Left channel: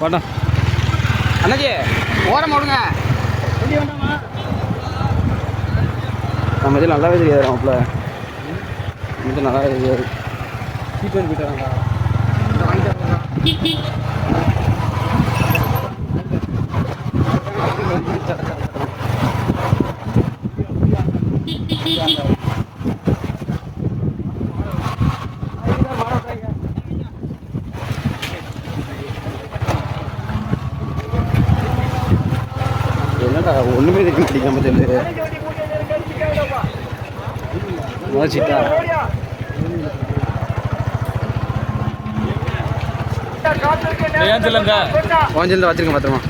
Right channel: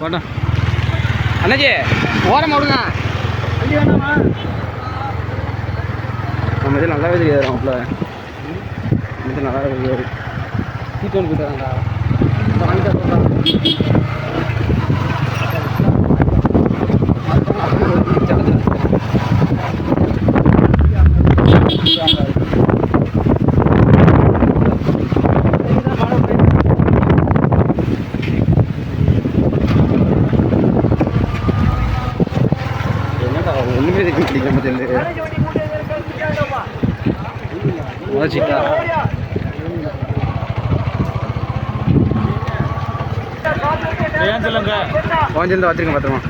போட்டோம் அண்ணாச்சி ஓரம் விடுங்க நம்ம இது நல்லாவே தெரியாது மாப்பிள்ள. இது நல்லாவே தெரியாது. சீட்டு வந்து போயிட்டு வராங்கடா இந்த வாங்கிட்டு என்னடா ஒன்றுமே இருக்க மாட்டேங்க தெரியல முளைச்சிட்டா கொஞ்சம் வச்சிருக்கேன் பத்திரமா.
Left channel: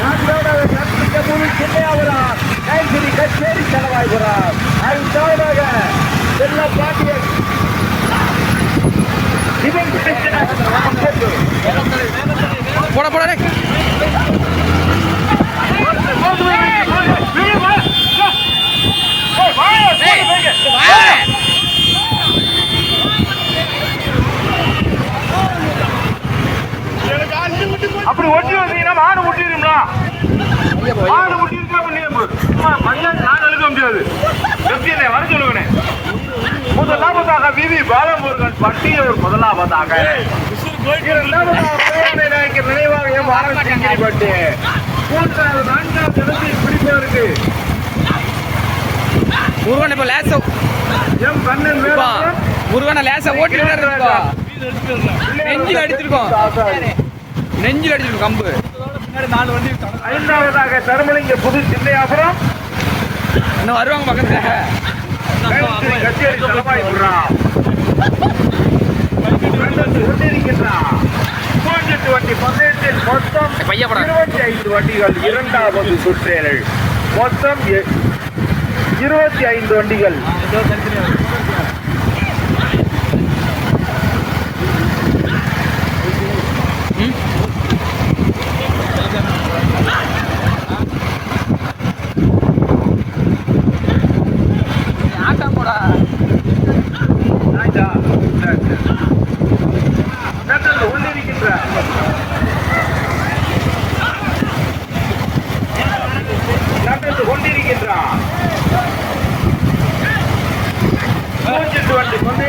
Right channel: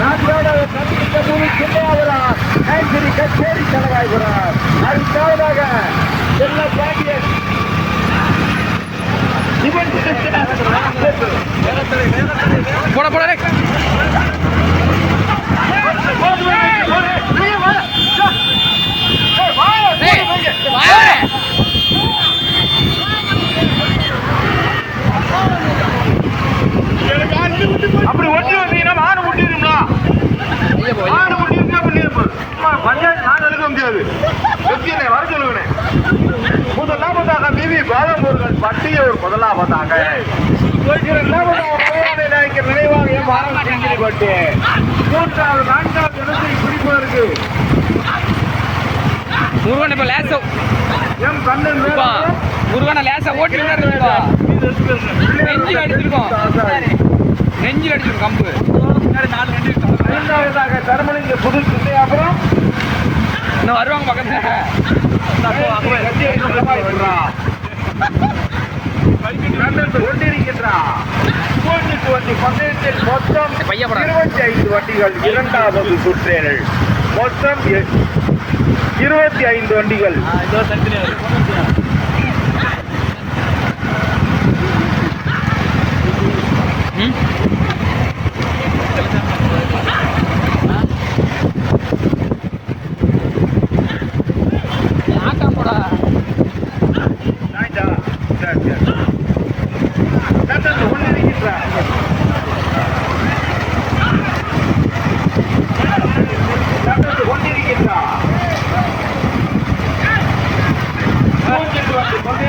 நாட்டோட சந்திக்க முழு சின்னையாவரார் கைசிரி கச்சேரி செலவாய்கிறார் அடுத்தவராக செல்ல பாண்டியன் இவன் போட போட. அப்படி ஒட்டி வந்தீங்கன்னா மாடு முட்டிடும்ல மாடு முட்டிருந்தா பண்ணிருப்பு பஞ்சாயத்து நான் எழுத முடியாது. வெப்பியனை வர சொல்லுவேன் முதலாவதாக விவி பாலமுருகன் பட்டியூர் முதலாவதாக. இரண்டாவதாக நினைவாக எம் ஆனந்த் சிங்கிரி பட்டு மூன்றாவது நான்காவது இடத்தை பிடிப்பதற்கு முருகன் இப்போ லேசா. எம் கண்ணன் முருகனை லேசா ஓட்டி இருக்கோம் நெஞ்சில் அடிச்சிருக்கோம். நெஞ்சில் அடிச்சிருக்கோம் கம்பு. ஐந்தாவதாக தர்மலிங்க புது சின்னையாபுரம் இன்னும் வருவாங்க பக்கத்தில். கச்சேரி தலைமாய்க்கிறான் கண்டத்து கொண்டிருக்கின்றான் மூன்று வண்டி பந்தயத்தில் மொத்தம் இருபத்தி ஐந்து வண்டிகள் இரண்டாவது சுற்றேனல் மொத்தம் எ- இருபத்தி ஐந்து வண்டிகள். போடா. ஆயிட்டா? சரி, சரி. கண்டத்து கொண்டிருக்கின்றான் கண்டத்து மூன்று வண்டி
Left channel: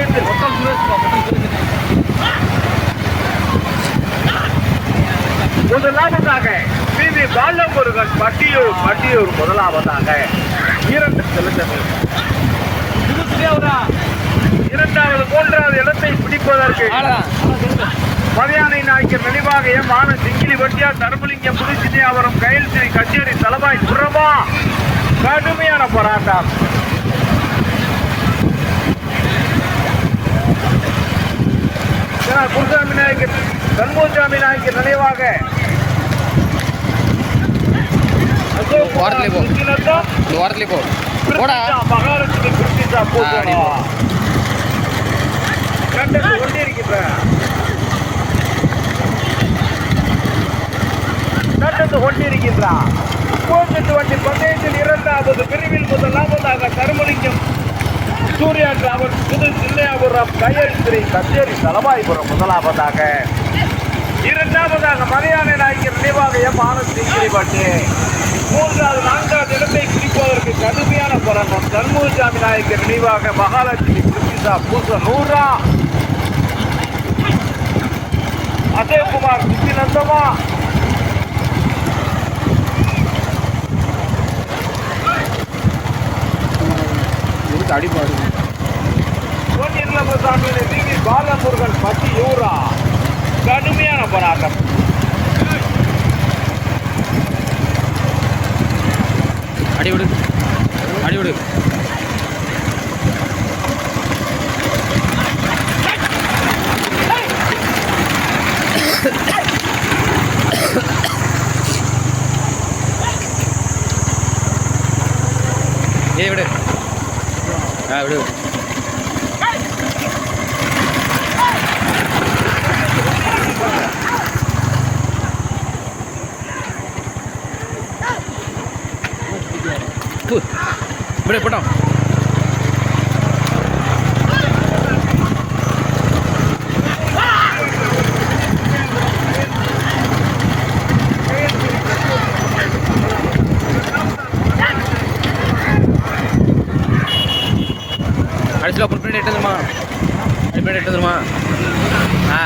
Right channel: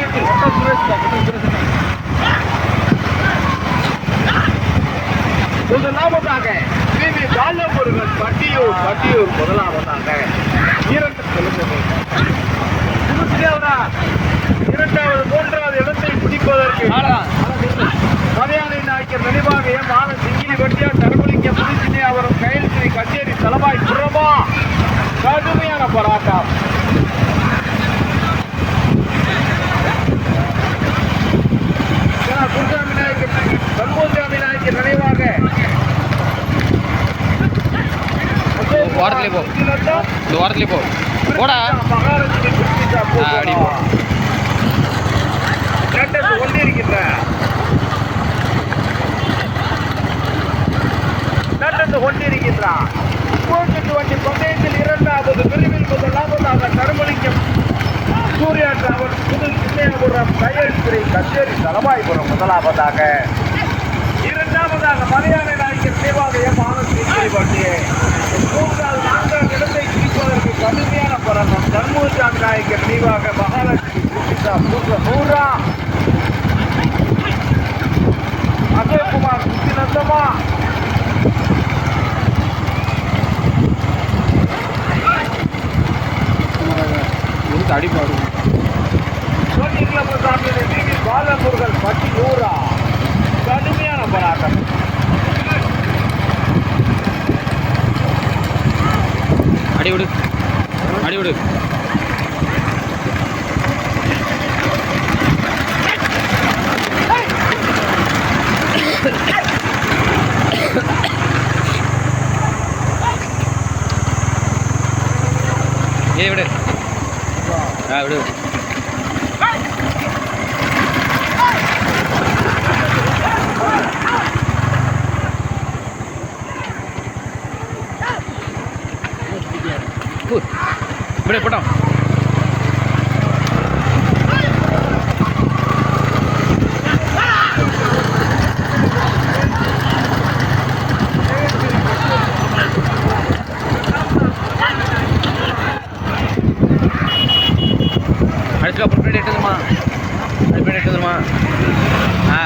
முதலாவதாக பிவி பாலமுருகன் பட்டியூர் பட்டியூர் முதலாவதாக இரண்டு வேண்டும் இரண்டாவது மூன்றாவது இடத்தை பிடிப்பதற்கு மதியானை நாய்க்கர் நினைவாக எம். ஆனந்த் சிங்கிலி வட்டியா தர்மலிங்க புதுச்சினி அவரும் கையில் ஸ்ரீ கச்சேரி தலவாய் புறமா கடுமையான போராட்டம். குருசாமி நாயக்கர் சண்முகசாமி நாயக்கர் நினைவாக ஓரத்துலயே போ. ஓரத்துலேயே போ. போடா. அப்படி போ. கண்டது கொண்டிருக்கின்றன மூன்று வண்டி பந்தயத்தில் இரண்டாவது பிரிவில் முதலாவதாக தருமலிங்கம் சூர்யா டிராவல் புது சின்னையாபுரம் ஸ்ரீ கச்சேரி தலவாய்புரம் முதலாவதாக. இரண்டாவதாக மலையாள நாயக்கர் நினைவாக எம் ஆனந்த் பட்டு மூன்றாவது நான்காவது இடத்தை பிடிப்பதற்கு கடுமையான பரமம் தர்மபுரி நாயக்கர் நினைவாக மகாலட்சுமி சுசிதா பூச நூறா. அஜயகுமார் நித்தினந்தமா இருக்கு அடிப்பாடு சாமியுடைய டிவி பாலமுருகன் பட்டி நூறா பு. போட்டோம் அடிச்சுல அப்புறம் பின்னாடி எடுத்துக்கமா பின்னாடி எடுத்துக்கமா ஆ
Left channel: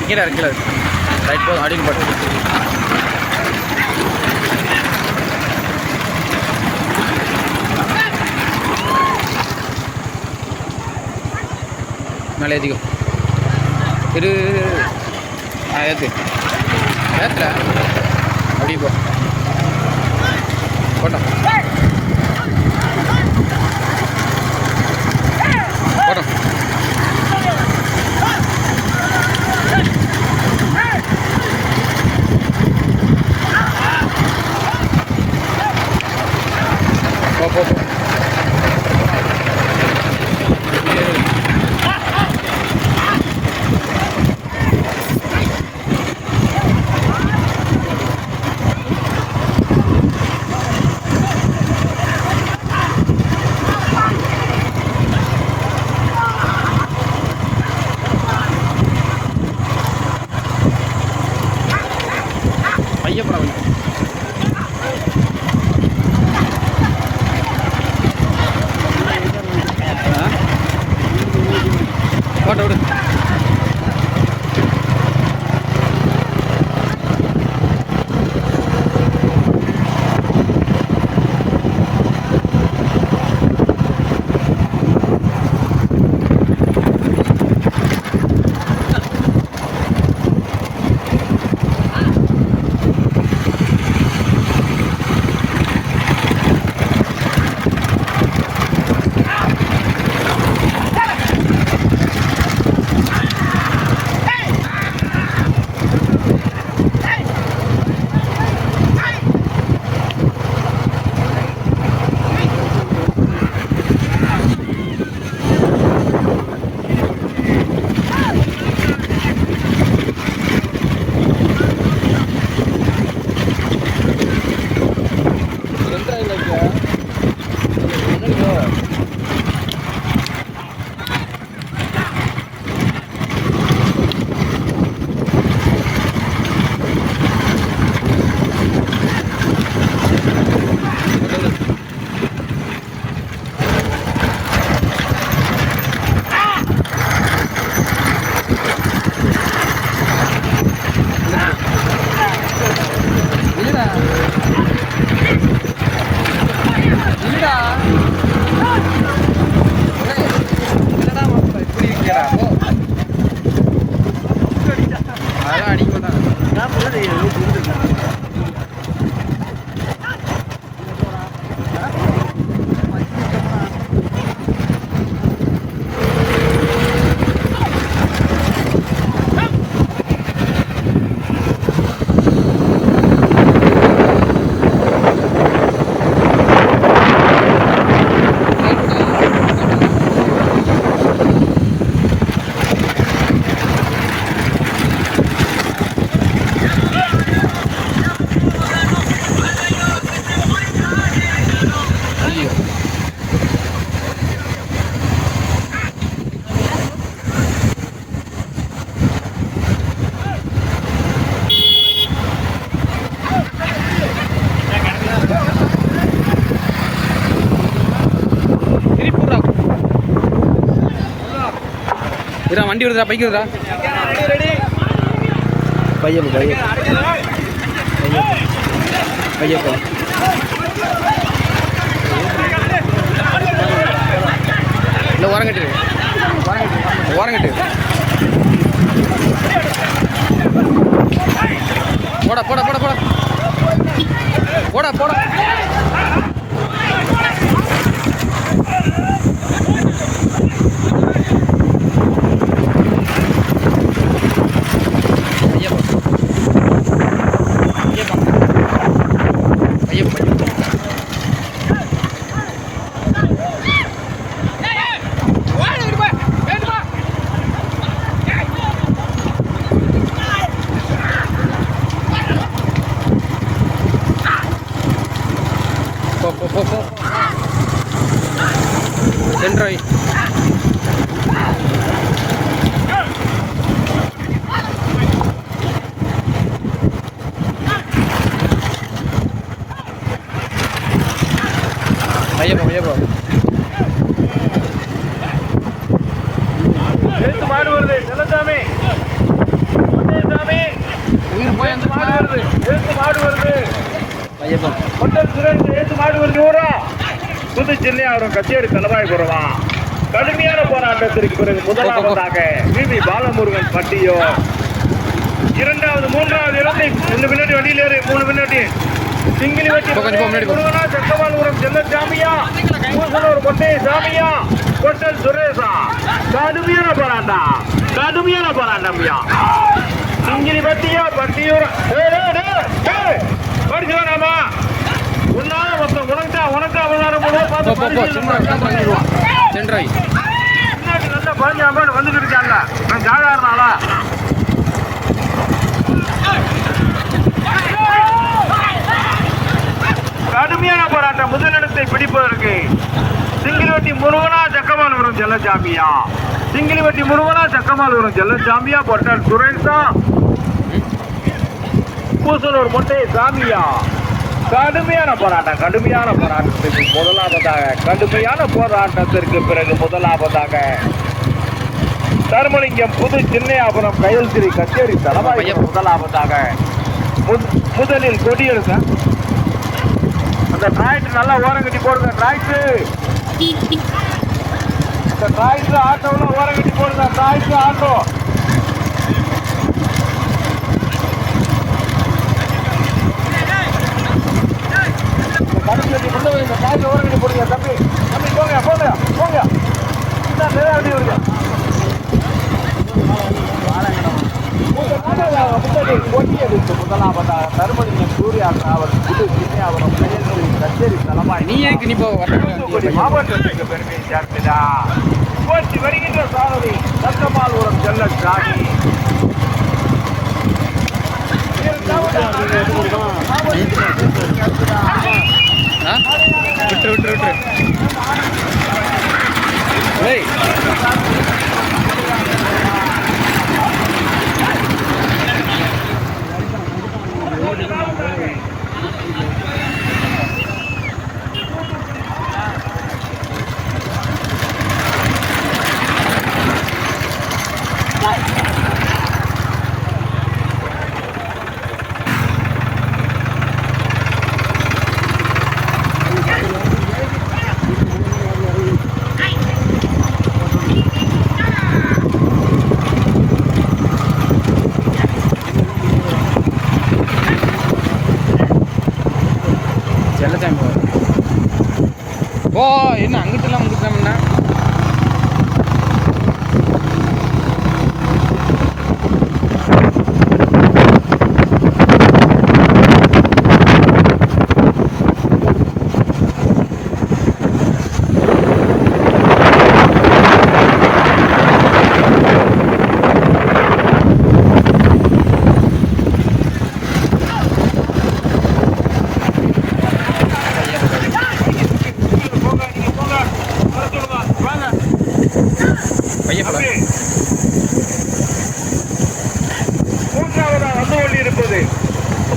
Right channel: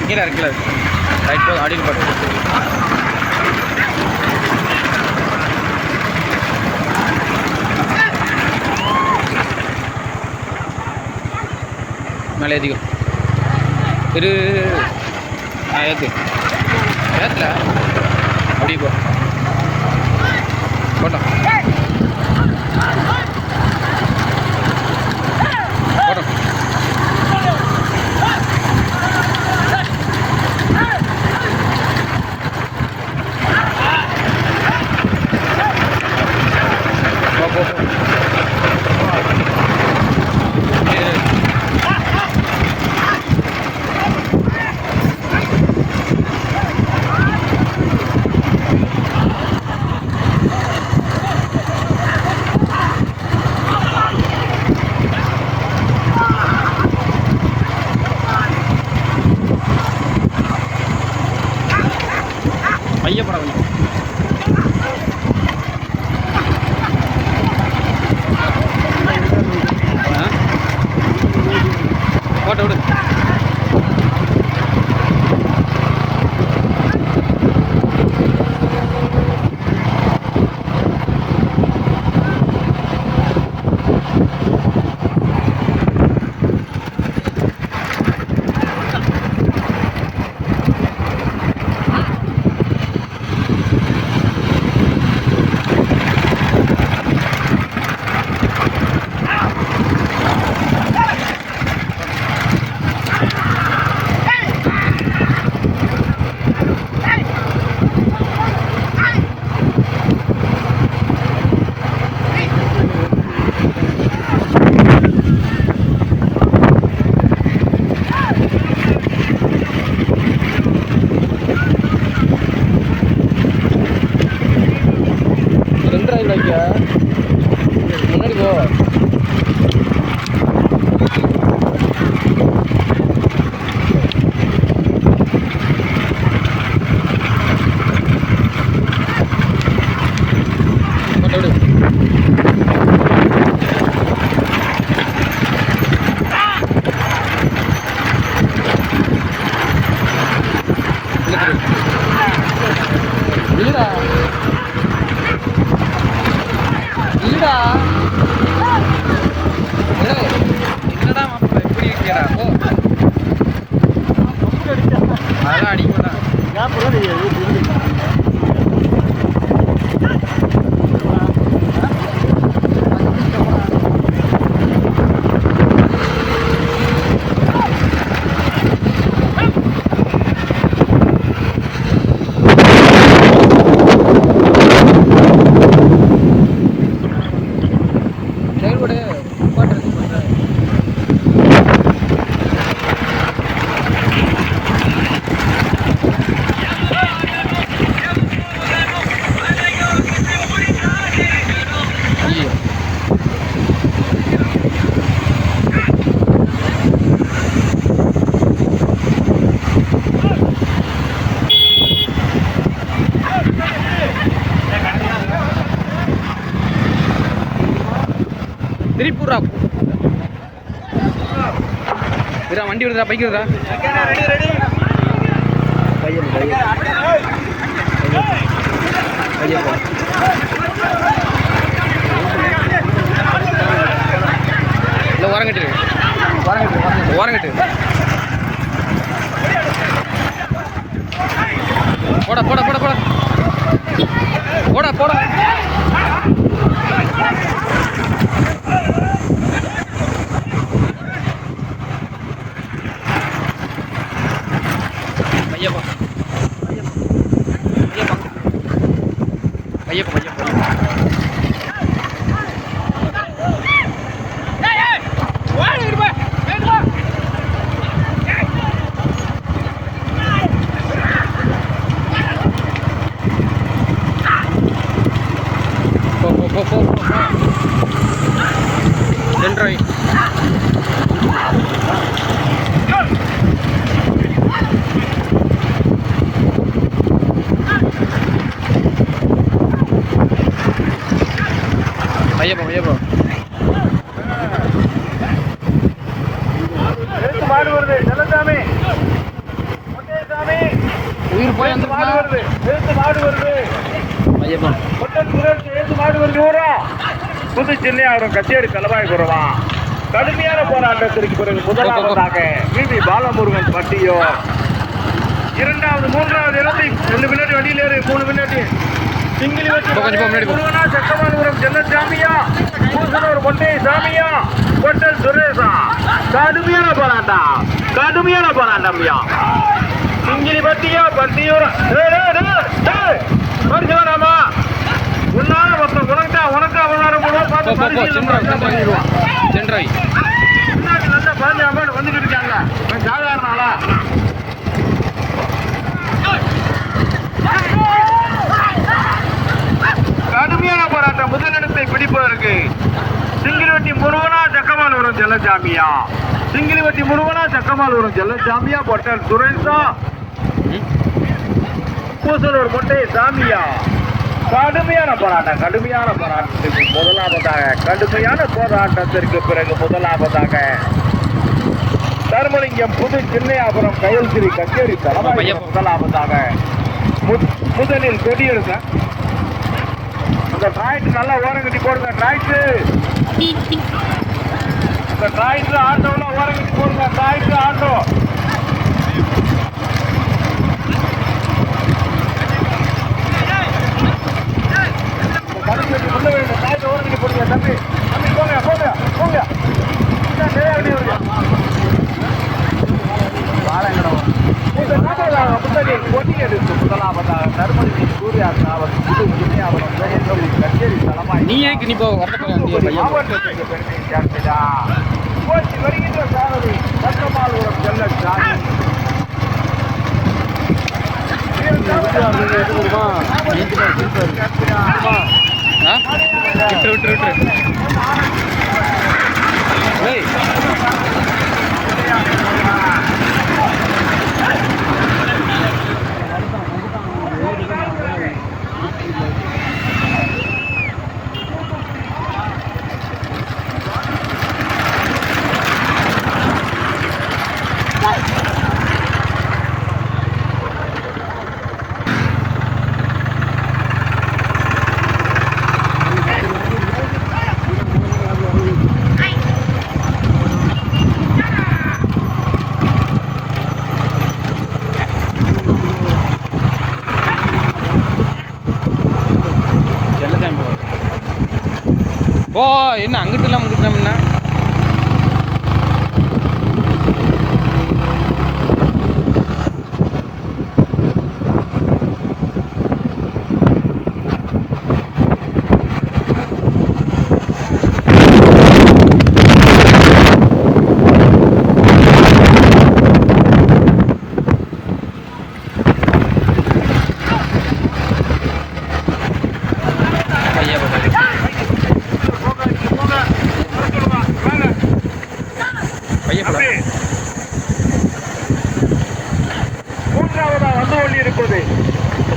கீழே இருக்கு கீழே இருக்கு ரைட் போ அடியில் போட்டு மேலே ஏற்றிக்கோ இரு ஆ ஏற்று ஏற்றுல அப்படி போ. போட்டோம். இல்லடா. இல்லடா. என்னடா மாப்பிள்ள இப்படி இருக்கேடா போ. அதெல்லாம் அடிக்க மாட்டான் ஐயோ திருப்பூரா இதா வண்டி வருதா பைக் வருதா பையன். பையன் ஐயப்பா இல்லை ஓரங்கட்டு. ஓரங்கட்டு ஓரங்கட்டு. போடா போடா போடா போடா. போடா போடா. ஐயப்பா ஐயப்பா ஐயப்பா ஐயப்பா மாடு வருது. பையப்போ கொட்டன் சுரேஷ் எழுத்து மாடு வருது. ஊரா. புது சென்னையாவரம் கச்சேரி தலவாய்புரமா கடுமையான போராட்டத்திற்கு பிறகு முதலாவதாக விவி பாலமுருகன் பட்டியோ. இரண்டாவது மூன்றாவது இடத்தை ரெண்டு பின்னாடி வண்டியில் ஏறு. மூணு பின்னாடி. சிங்கிலி வச்சு. முருகனா செக்கமானபுரம் செல்லசாமியா பூசனூர் மொட்டை சாமியா. கொட்டல் சுரேஷா. கடுமையான போராட்டம். கடுமையான போராட்டம்யா சிங்கிலி பட்டியா பட்டியூர் பரிசுலாமா உன்னால மொத்தம் உனக்கா உனக்கா சென்ட்ரை பின்னாடி நல்ல பாஞ்சு அம்மாடு வந்துட்டு இருக்காங்க நான் சாதாரண ஆளா கடுமையான போராட்டம். முதலிடத்தை பிடிப்பதற்கு சிங்கிலிவட்டி முருகனா சக்கமாலூரம் செல்லசாமியா சிங்கிலிவட்டி முருகனா சக்கமாலூரம் செல்லசாமியா பொட்டல் சுரேஷா பூசலூர் மொட்டை சாமியா. கடுமையான போராட்டம் கடுமையான போராட்டத்திற்கு முதலாவதாக கடுமையான போராட்டத்திற்கு பிறகு முதலாவதாக தர்மலிங்கம் புது சின்னையாபுரம் கயல் திரு கச்சேரி தலைமை. முதலாவதாக முதலில் கொடியெடுங்க அந்த டிராய்ட் நல்லா ஓரங்கட்டி போடுங்க டிராய்ட் இந்த டிராய்ட் ஆட்டோலாம் ஓரங்கட்டி போடுங்க டிராய்ட் ஆட்டோ. நீ ஏக்கு நீ போ வரட்டும் வருகின்ற சாரதி பக்கமாலூரம் செல்ல சாமி ஆ விட்டுரு விட்டுரு விட்டுரு. మనం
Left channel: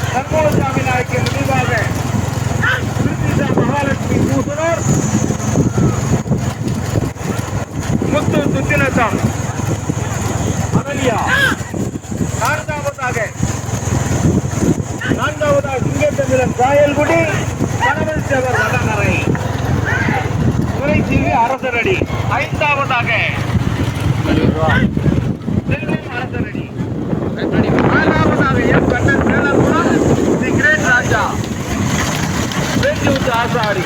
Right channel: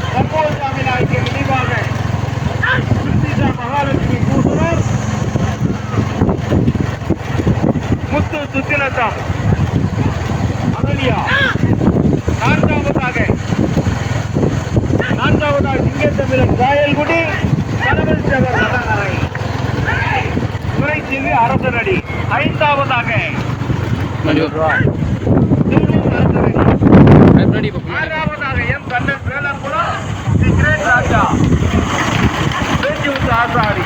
சர்வோசாமி நாயக்கர் நினைவாக திருச்சிசா மகாலட்சுமி பூசனர் முத்து சுத்தினத்தாம் அகலியா நான்காவதாக நான்காவதாக சிங்கத்தமிழன் காயல்குடி கணவன் சேகர் வடகரை. துறைசிங்கு அரசரடி ஐந்தாவதாக Selvam Arasaradi. Ready the great Raja Asari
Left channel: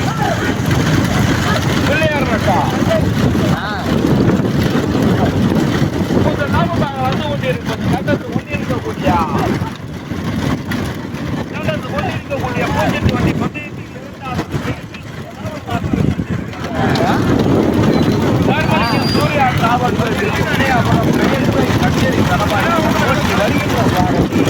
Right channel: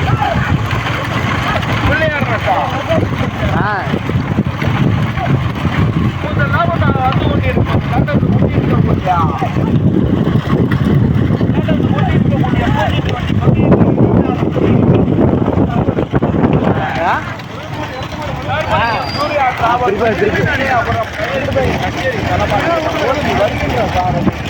Pillaiyar ரக்கா முதலாவதாக வந்து கொண்டிருக்கோம் கண்டத்து கொண்டிருக்கக்கூடிய கண்டத்து கொண்டிருக்கக்கூடிய பூஜ்ஜியத்து வண்டி பந்தயத்தில் தர்மலிங்கம் சூர்யா டிராவல் அப்புறம் கச்சேரி தலைமாரி ஓட்டி வருகின்ற சாரதி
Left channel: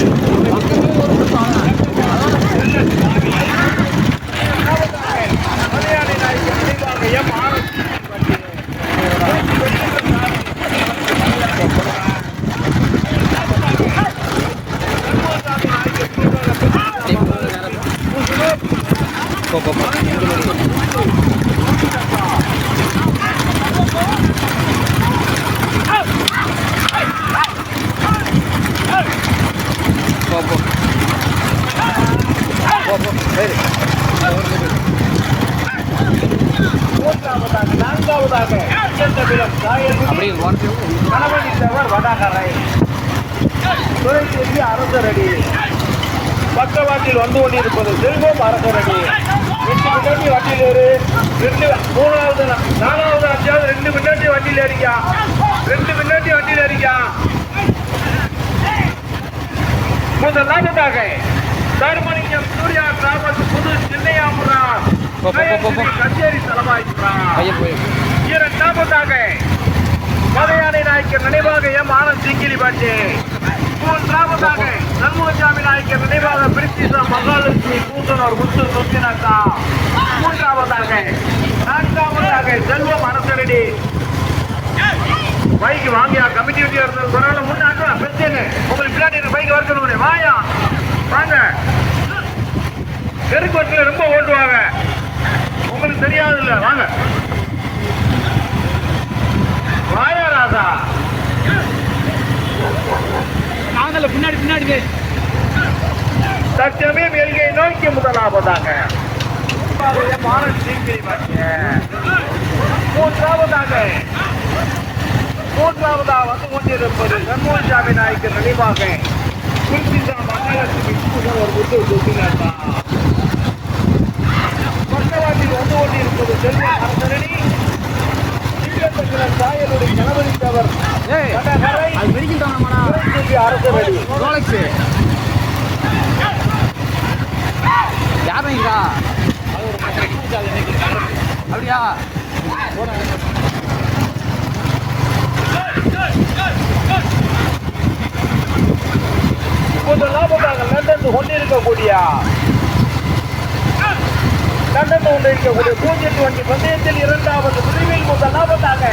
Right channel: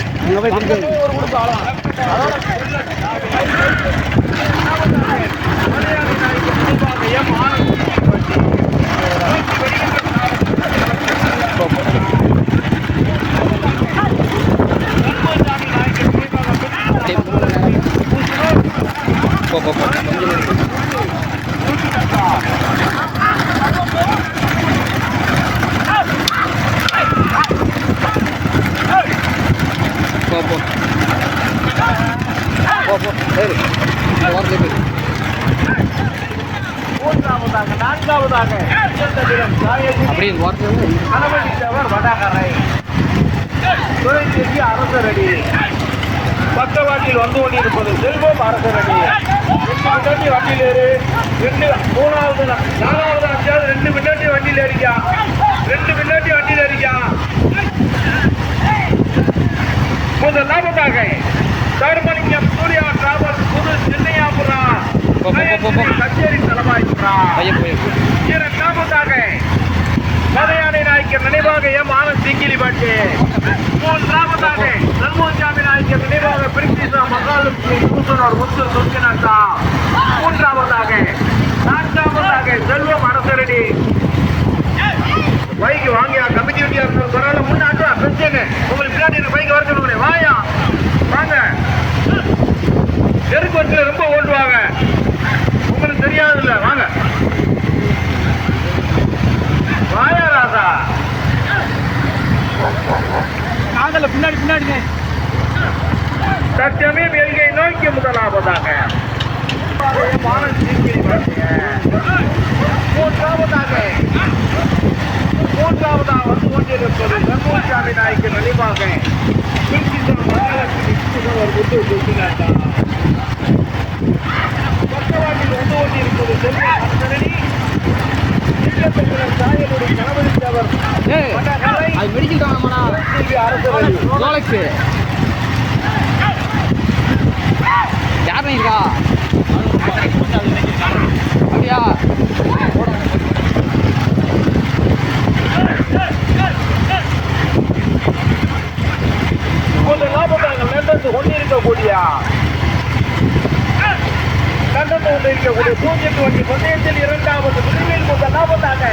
மலையாளி நாயக்கர் நினைவாக எம் ஆனந்த் சிங்கத்தமிழன் சாயகுடி அப்படியே ஓரத்தில் கணவனித்தவர் வடகரை துறை திரும்பி அரசரடி பக்கவாட்டில் வந்து கொண்டிருப்பது செல்வம் அரசரடி முன்னாடி வண்டியில் ஏறு. ரெண்டு மூணாவது நாலாவது அஞ்சாவது ரெண்டு முன்னாடி வண்டியில் ஏறிக்கா. ரெண்டு முன்னாடி வண்டியில் ஏறிக்கா. முதலாவதாக தர்மலிங்கம் சூர்யா டிராவல்ஸ் புது சின்னையாபுரா. கச்சேரி தலைவாய்ப்புறா போய் இரண்டாவதாக மலையாளி நாயக்கர் நினைவாக எம் ஆனந்த் சிங்கிலி பாட்டி. மூன்றாவதாக சண்முகசாமி நாயக்கர் நினைவாக பிரித்திசா மகாலட்சுமி கூட்டனூர் முத்து சுத்தினாத்தா மூன்றாவதாக நான்காவதாக செல்வம் அரசரடி. பைக் வாங்கியா கமிட்டி வண்டியா இருந்தது கொரோனா முன்னாடி பிரச்சனை உங்களுக்கு பின்னாடி பைக் வரக்கணும் வாயா வாங்க. தெருக்கோட்டில் ரொம்ப ஓட்டுவாங்க. உங்களுக்கு தெரியாது இல்லை வாங்க. வாயா ராசா தற்சமயம் எல்கை நோக்கி முதலாவதாக. மூன்றாவதாக. மூன்றாவதாக வந்து கொண்டிருப்பது சண்முகசாமி நாய்க்கு நினைவாக. குறிப்பிட்ட மகாலட்சுமி புதுவர் முத்து சுத்தினாட்டா பக்கவாட்டில் வந்து கொண்டிருப்பது செல்வ அரசரணி அது மெடிக்கல் தானமாடா ரோலெக்ஸு. யார் அப்படியா? கொஞ்சம் லாபமாக லண்டத்து கொண்டிருக்கக்கூடிய லண்டத்து கொண்டிருக்கக்கூடிய பூஜ்ஜியத்து வண்டி பந்தயத்தில் இரண்டாவது பிரிவில் முதல் லாபத்தாக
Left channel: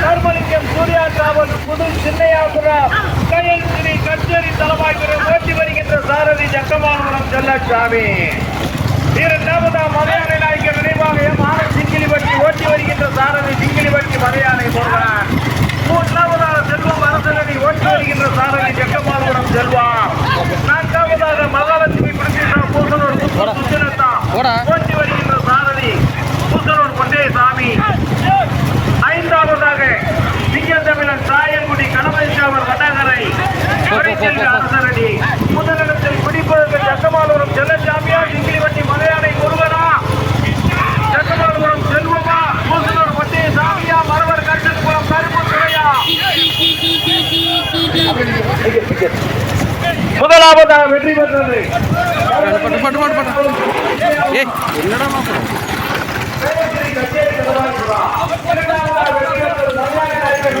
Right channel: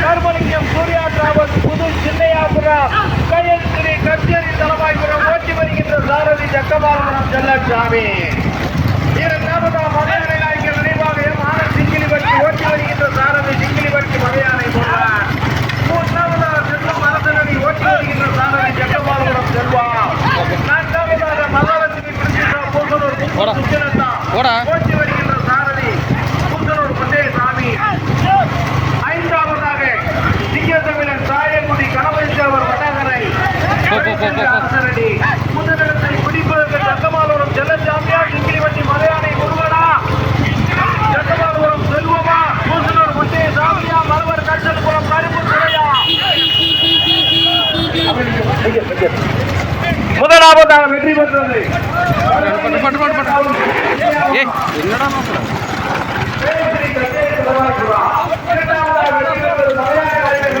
கர்மலிங்கம் சூர்யா டிராவல் புது சின்னையாபுரம் கயல் ஸ்ரீ கச்சேரி தலைவாய்புரம் ஓட்டி வருகின்ற சாரதி ஜக்கமாபுரம் செல்லச்சாமி இரண்டாவதாம் மலையாளை நாயக்கர் நினைவாக எம் ஆர் சிங்கிலிபட்டி ஓட்டி வருகின்ற சாரதி சிங்கிலிபட்டி மலையாளை முருகன் மூன்றாவதாக செல்வம் அரசனடி ஓட்டி வருகின்ற சாரதி ஜக்கமாபுரம் செல்வா நான்காவதாக மகாலட்சுமி பிடிக்கின்ற பூசனூர் போடா. சுத்திரத்தா போடா. ஓட்டி வருகின்ற சாமி ஐந்தாவதாக சிங்கத்தமிழன் போ, போ, போ. அரசரடி. முதலிடத்தில் பிடிப்பதற்கு சக்கமாலபுரம் செல்லச்சாமியா சிங்கிலிவட்டி மலையானை முருகனா. சக்கமாலபுரம் செல்வமா பூசனூர் பொன்னே சாமியா மரவர் கருத்தன்புரம் கருப்பு துறையா. முதலாவதாக வெற்றி பெற்றது. பட்டு பட்டு பட்டு பட்டு. ஏ என்னடா மாப்பிட இரண்டாவதாக வெற்றி பெற்றது மலையாள நாயகர்